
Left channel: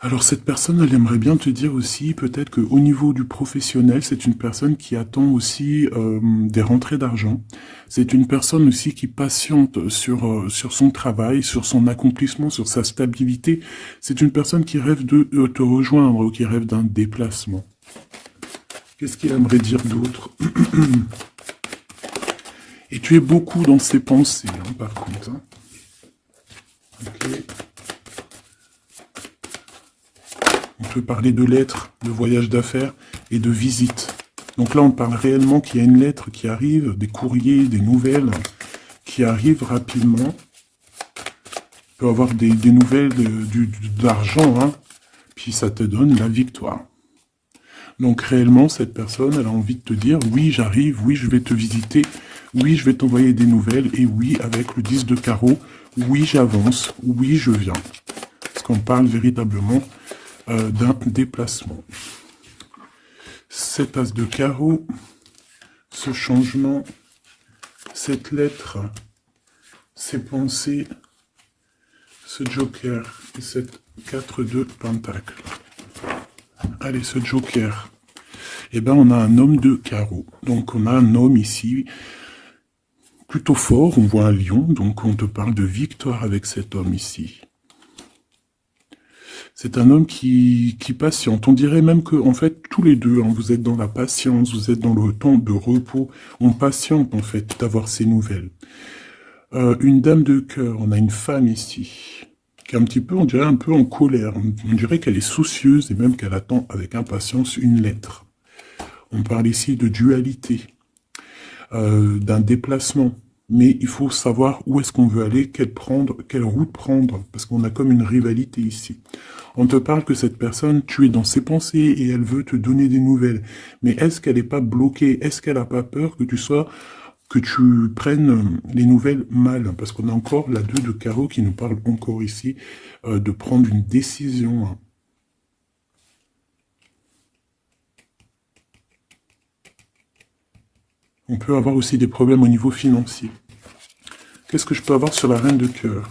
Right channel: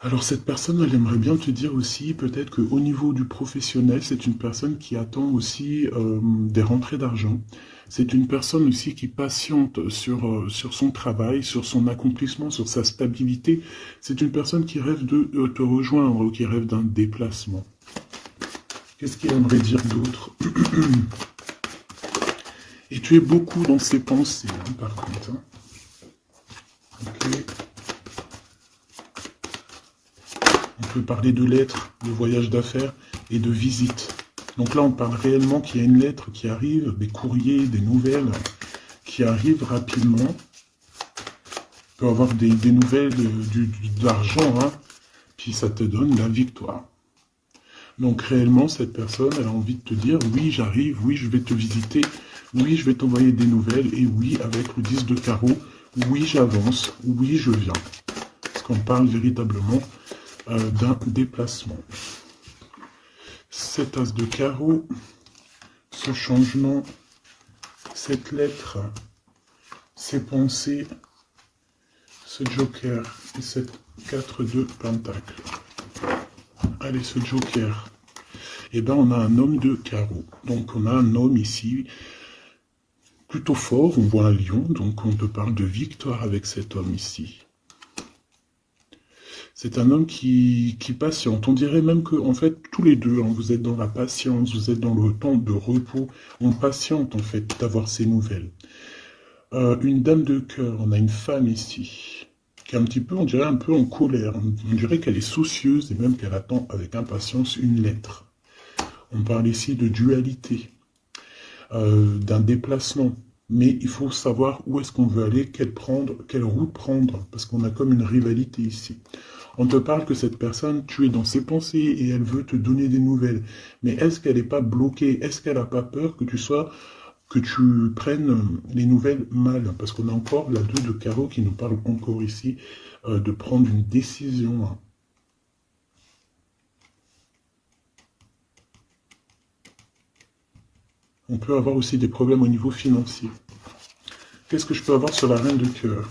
Alors cette personne, elle aimerait bien te dire aussi, peut-être qu'au niveau du professionnel, c'est une personne qui attend aussi des rentrées d'argent. C'est une personne aussi qui patiente sur son travail, sur son accomplissement, sur sa stabilité. C'est une personne qui rêve de te rejoindre, qui rêve d'un déplacement. Qu'est-ce qu'il aimerait dire d'autre? Et tu es beaucoup dans ses pensées, hein, par contre. Hein. Ok. On peut parler de lettres, de voyages d'affaires et de visites. Donc là, on parle réellement qu'il y a une lettre qui arrive, des courriers, des nouvelles qui arrivent rapidement. On peut avoir des nouvelles de l'argent, hein, puis ça te donne la victoire. Donc réellement, cette personne, elle a envie de te dire, oui, j'arrive, oui, je vais te visiter, oui, je vais t'envoyer des nouvelles, et oui, avec le 10 de carreau, oui, j'avance, oui, je viens. Parce qu'on parle véritablement d'un déplacement. Cet as de carreau, ce changement, cette lettre, ces pensées, ce joker et cette 4 de pentacle. Allez, ce joker. Eh bien, on a un homme de carreau. Donc, on a un homme ici plutôt fort. On voit un lion. Donc, on te parle de victoire avec cet homme ici. C'est un homme qui patiente. On dirait même que, en fait, tous les deux, hein, vous êtes dans la patience, vous êtes dans le temps de repos. On patiente, en fait, d'avoir ces nouvelles. Une dame de cœur. On a une femme ici. Qui est un petit peu, on dirait un peu en colère. On dirait qu'elle est soucieuse et même qu'elle attend avec impatience une lettre. On parle ici de dualité, d'un déplacement. Mais il faut savoir où est-ce qu'on veut aller, quelle route prendre, parce qu'on a comme une rivalité ici. On te parle que cette personne, tu es dans ses pensées et elle veut te donner des nouvelles. Mais est-ce qu'elle n'est pas bloquée? Est-ce qu'elle n'a pas peur que tu prennes les nouvelles mal? Parce qu'on a encore la 2 de carreau qui nous parle encore ici de prendre une décision, hein. On peut avoir aussi des problèmes au niveau financier. Qu'est-ce que je peux avoir sur la reine de cœur?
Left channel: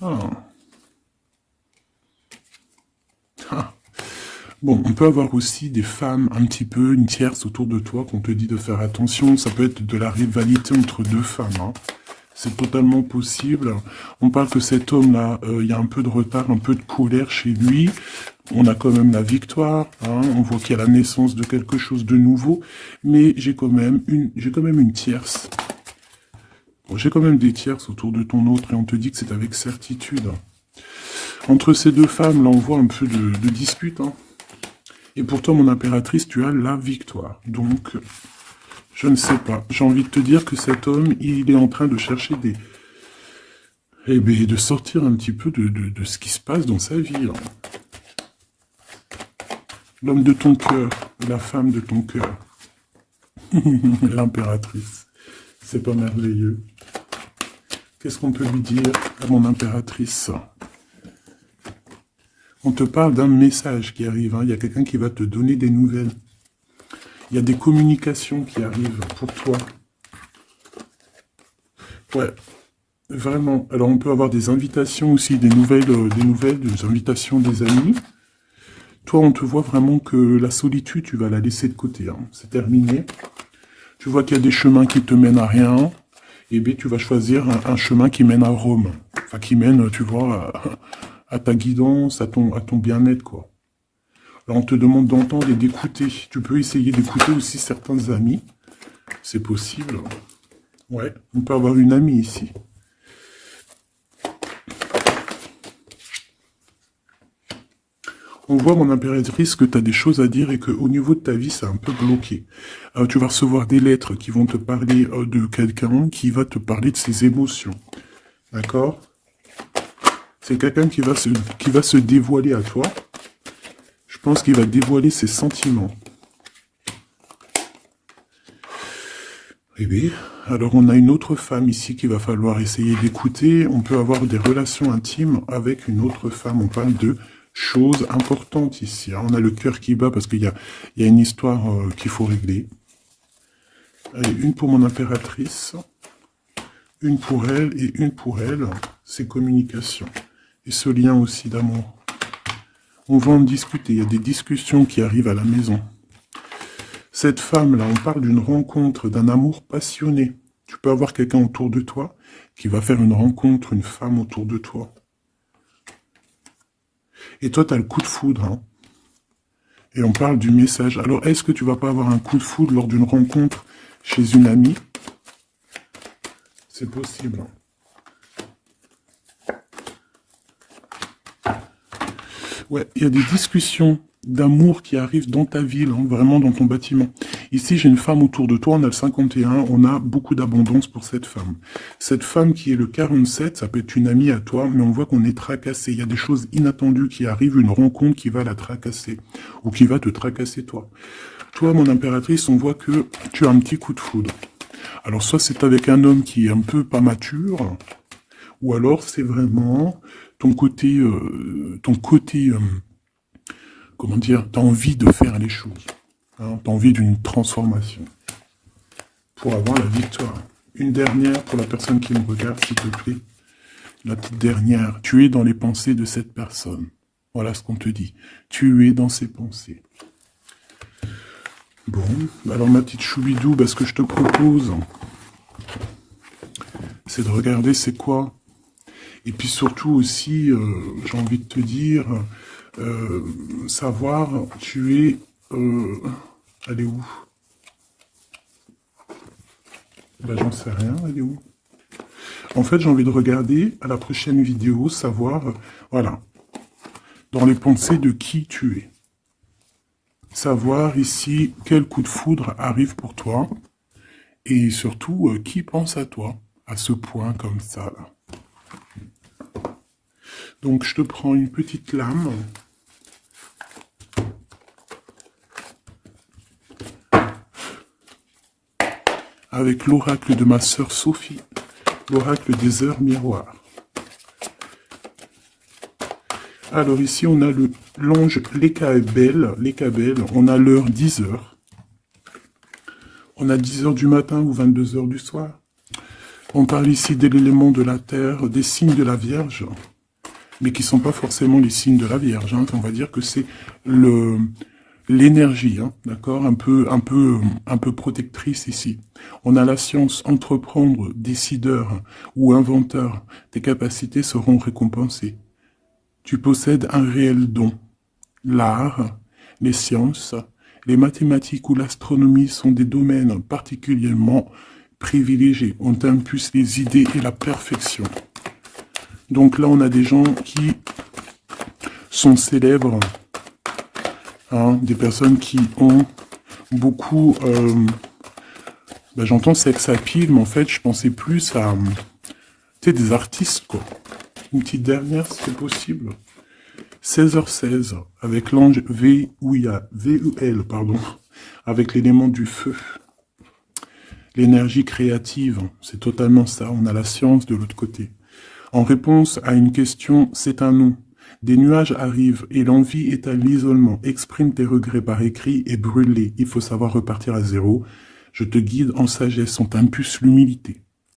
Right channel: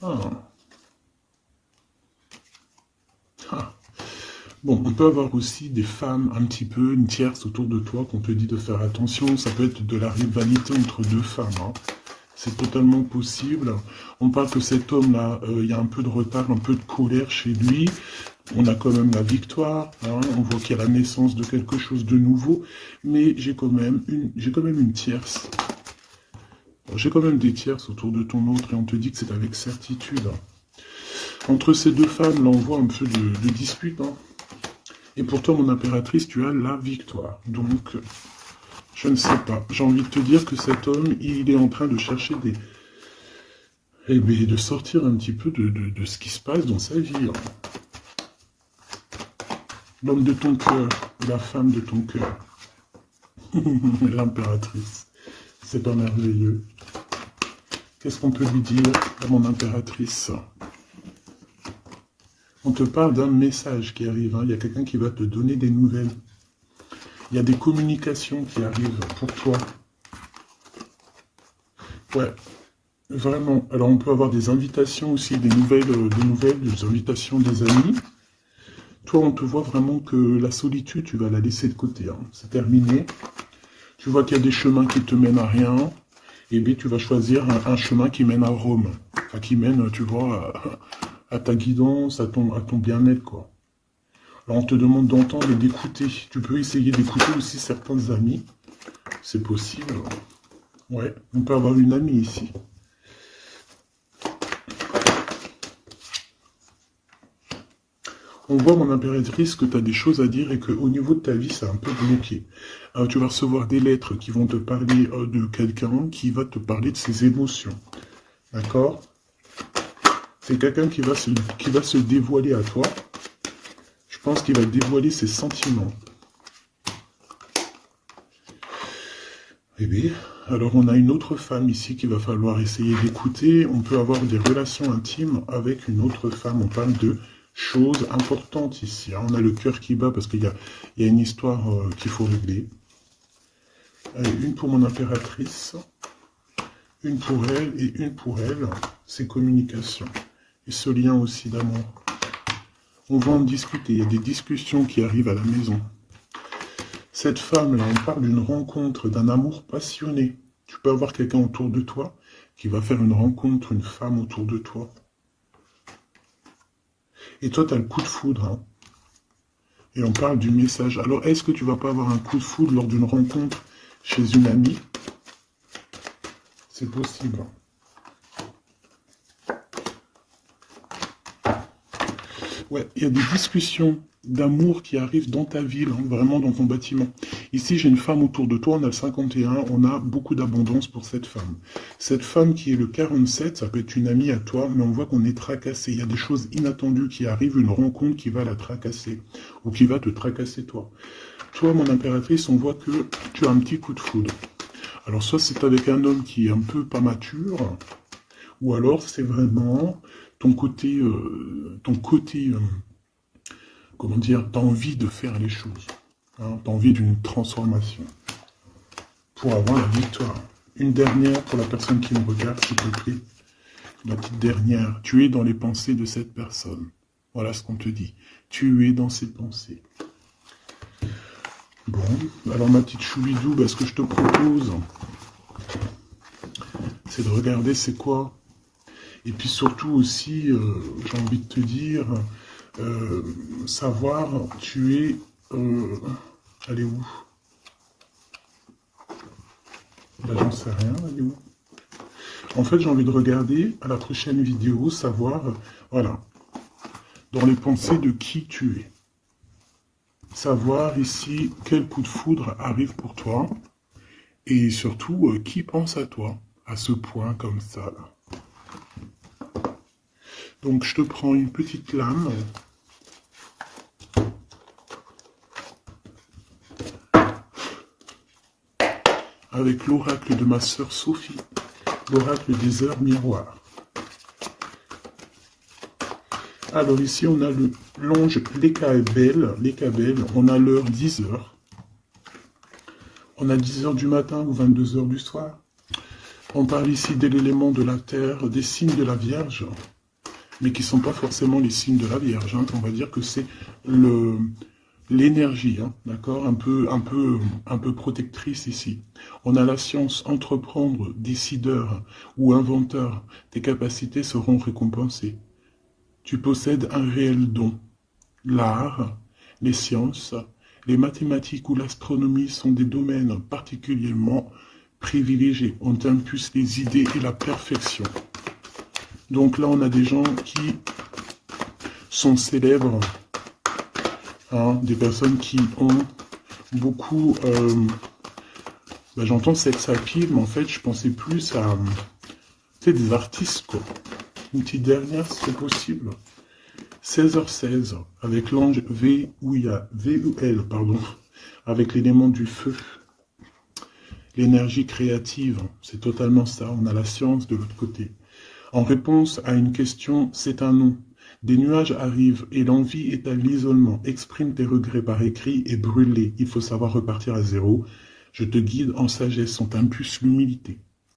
Ah. Ah. Bon, on peut avoir aussi des femmes un petit peu, une tierce autour de toi qu'on te dit de faire attention. Ça peut être de la rivalité entre deux femmes, hein. C'est totalement possible. On parle que cet homme-là, il y a un peu de retard, un peu de colère chez lui. On a quand même la victoire, hein. On voit qu'il y a la naissance de quelque chose de nouveau. Mais j'ai quand même une tierce. Bon, j'ai quand même des tierces autour de ton autre et on te dit que c'est avec certitude. Entre ces deux femmes, là, on voit un peu de dispute, hein. Et pour toi, mon impératrice, tu as la victoire. Donc, je ne sais pas. J'ai envie de te dire que cet homme, il est en train de chercher des... Eh bien, de sortir un petit peu de ce qui se passe dans sa vie, hein. L'homme de ton cœur, la femme de ton cœur. L'impératrice. C'est pas merveilleux. Qu'est-ce qu'on peut lui dire à mon impératrice? On te parle d'un message qui arrive, hein. Il y a quelqu'un qui va te donner des nouvelles. Il y a des communications qui arrivent pour toi. Ouais, vraiment. Alors on peut avoir des invitations aussi, des nouvelles, des invitations des amis. Toi, on te voit vraiment que la solitude, tu vas la laisser de côté, hein. C'est terminé. Tu vois qu'il y a des chemins qui te mènent à rien. Et bien, tu vas choisir un chemin qui mène à Rome. Enfin, qui mène, tu vois, à ta guidance, à ton bien-être, quoi. Alors, on te demande d'entendre et d'écouter. Tu peux essayer d'écouter aussi certains amis. C'est possible. Ouais, on peut avoir une amie ici. On voit, mon impératrice, que tu as des choses à dire et qu'au niveau de ta vie, c'est un peu bloqué. Tu vas recevoir des lettres qui vont te parler de quelqu'un qui va te parler de ses émotions. D'accord? C'est quelqu'un qui va se dévoiler à toi. Je pense qu'il va dévoiler ses sentiments. Eh bien, alors on a une autre femme ici qu'il va falloir essayer d'écouter. On peut avoir des relations intimes avec une autre femme. On parle de choses importantes ici, hein. On a le cœur qui bat parce qu'il y a une histoire qu'il faut régler. Allez, une pour mon impératrice, une pour elle et une pour elle. C'est communication. Et ce lien aussi d'amour. On va en discuter. Il y a des discussions qui arrivent à la maison. Cette femme-là, on parle d'une rencontre, d'un amour passionné. Tu peux avoir quelqu'un autour de toi qui va faire une rencontre, une femme autour de toi. Et toi, tu as le coup de foudre, hein. Et on parle du message. Alors, est-ce que tu vas pas avoir un coup de foudre lors d'une rencontre chez une amie? C'est possible. Ouais, il y a des discussions d'amour qui arrivent dans ta ville, hein, vraiment dans ton bâtiment. Ici, j'ai une femme autour de toi, on a le 51, on a beaucoup d'abondance pour cette femme. Cette femme qui est le 47, ça peut être une amie à toi, mais on voit qu'on est tracassé. Il y a des choses inattendues qui arrivent, une rencontre qui va la tracasser, ou qui va te tracasser toi. Toi, mon impératrice, on voit que tu as un petit coup de foudre. Alors, soit c'est avec un homme qui est un peu pas mature, ou alors c'est vraiment ton côté, comment dire, tu as envie de faire les choses, hein, tu as envie d'une transformation pour avoir la victoire. Une dernière pour la personne qui me regarde, s'il te plaît. La petite dernière. Tu es dans les pensées de cette personne. Voilà ce qu'on te dit. Tu es dans ses pensées. Bon, alors ma petite choubidou, ce que je te propose, c'est de regarder c'est quoi. Et puis surtout aussi, j'ai envie de te dire, savoir, tu es... elle est où? Ben, j'en sais rien, elle est où? En fait, j'ai envie de regarder à la prochaine vidéo, savoir, voilà, dans les pensées de qui tu es. Savoir ici quel coup de foudre arrive pour toi et surtout qui pense à toi à ce point comme ça là. Donc je te prends une petite lame. Avec l'oracle de ma sœur Sophie, l'oracle des heures miroirs. Alors ici on a l'ange Lekabel, on a l'heure 10 heures. On a 10 heures du matin ou 22 heures du soir. On parle ici de l'élément de la terre, des signes de la Vierge, mais qui ne sont pas forcément les signes de la Vierge. Hein. On va dire que c'est l'énergie, hein, d'accord, un peu protectrice ici. On a la science, entreprendre, décideur ou inventeur. Tes capacités seront récompensées. Tu possèdes un réel don. L'art, les sciences, les mathématiques ou l'astronomie sont des domaines particulièrement privilégiés. On t'impulse les idées et la perfection. Donc là, on a des gens qui sont célèbres, hein, des personnes qui ont beaucoup... j'entends sex appeal, mais en fait, je pensais plus à des artistes, quoi. Une petite dernière, si c'est possible. 16h16, avec l'ange VUL, pardon, avec l'élément du feu. L'énergie créative, c'est totalement ça. On a la science de l'autre côté. En réponse à une question, c'est un non. Des nuages arrivent et l'envie est à l'isolement. Exprime tes regrets par écrit et brûle-les. Il faut savoir repartir à zéro. Je te guide en sagesse, on t'impulse l'humilité.